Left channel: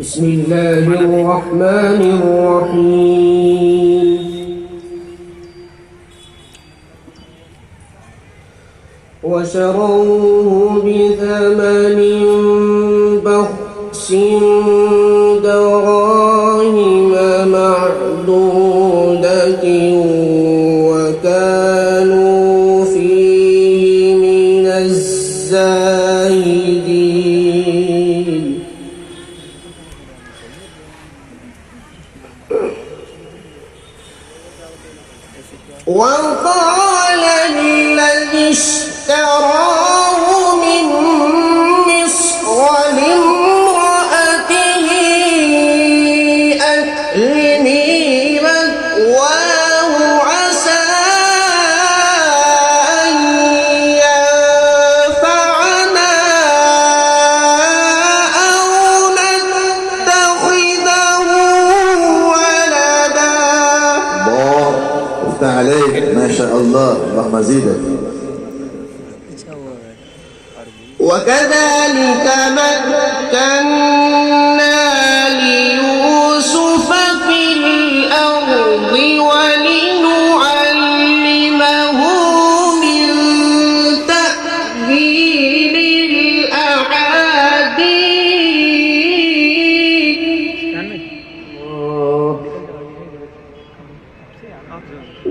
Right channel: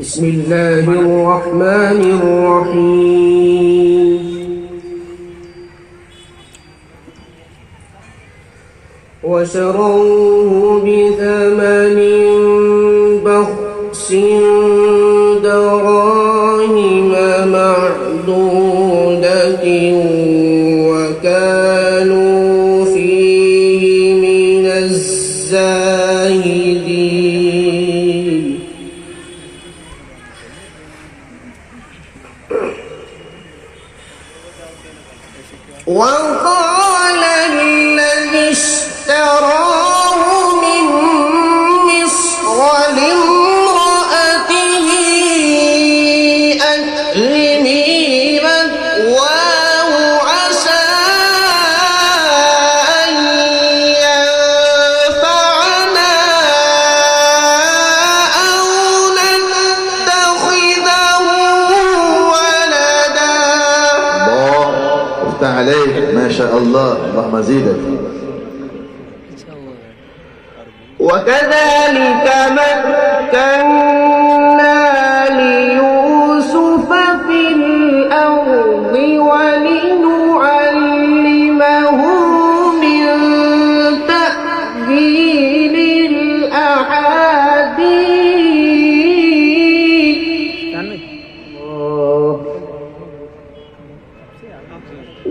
بسم الله الرحمن الرحيم وشروه بثمن بخس دراهم معدودة وكانوا فيه من الزاهدين وقال الذي اشتراه من مصر لامرأته أكرمي مثواه عسى أن ينفعنا أو نتخذه ولدا. الله افتح عليك، ما شاء الله، اللهم زيدك. وكذلك مكنا ليوسف في الأرض ولنعلمه من تأويل الأحاديث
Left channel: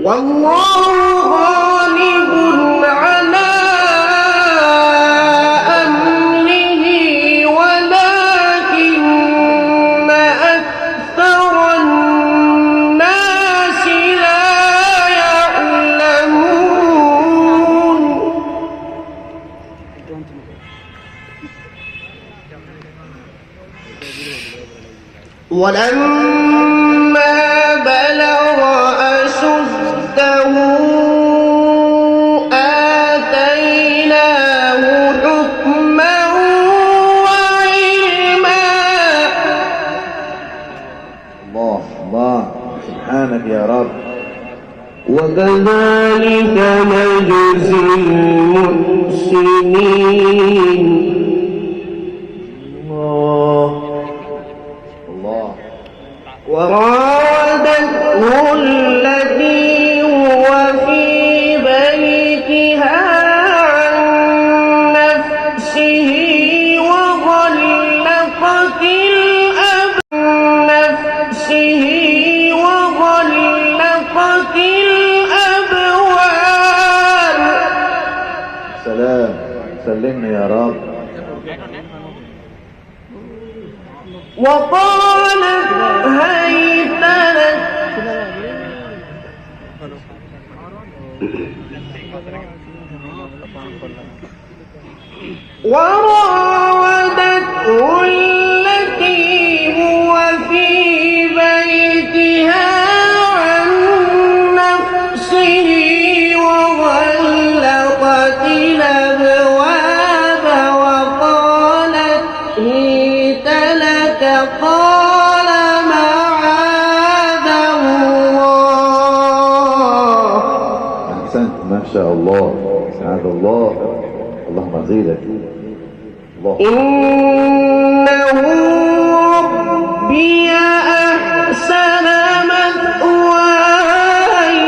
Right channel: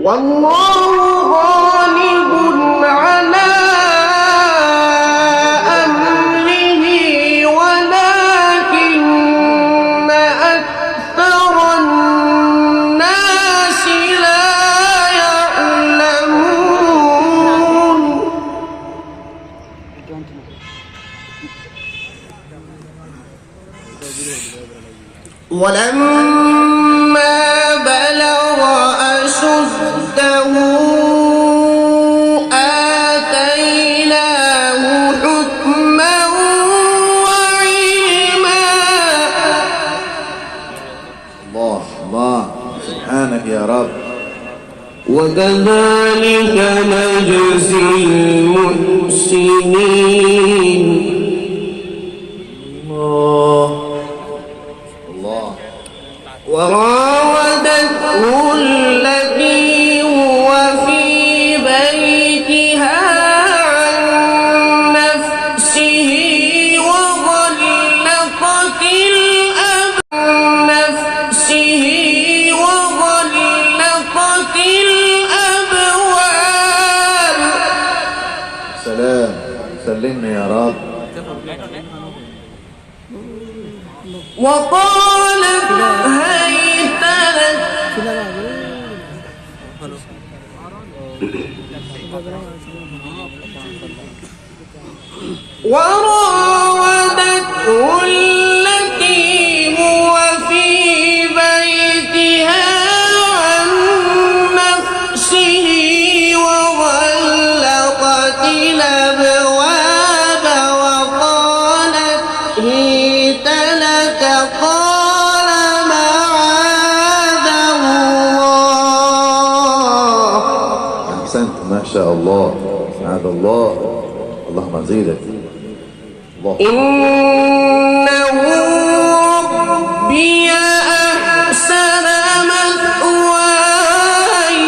والله غالب على أمره ولكن أكثر الناس لا يعلمون. ولما بلغ أشده آتيناه حكما وعلما. الله الله، سبحانك يا رب. وكذلك نجزي المحسنين. الله الله. وراودته التي هو في بيتها عن نفسه وغلقت الأبواب. سلام، سلمني يا رب. وقالت هيت لك وراودته التي هو في بيتها عن نفسه وغلقت الأبواب وقالت هيت لك قال معاذ الله. أحسنت، ما شاء الله، سبحان الله، اللهم زيدك. الله. إنه ربي أحسن مثواي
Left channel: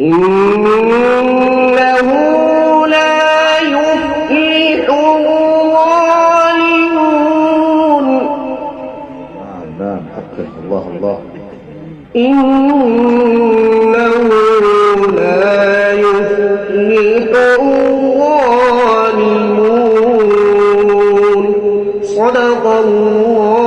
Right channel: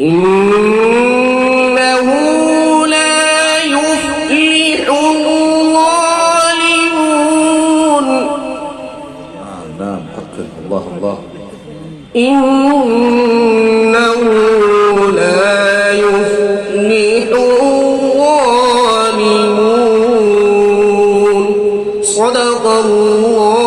إنه لا يفلح الظالمون. نعم، حقك. الله الله. إنه لا يفلح الظالمون. صدق الله.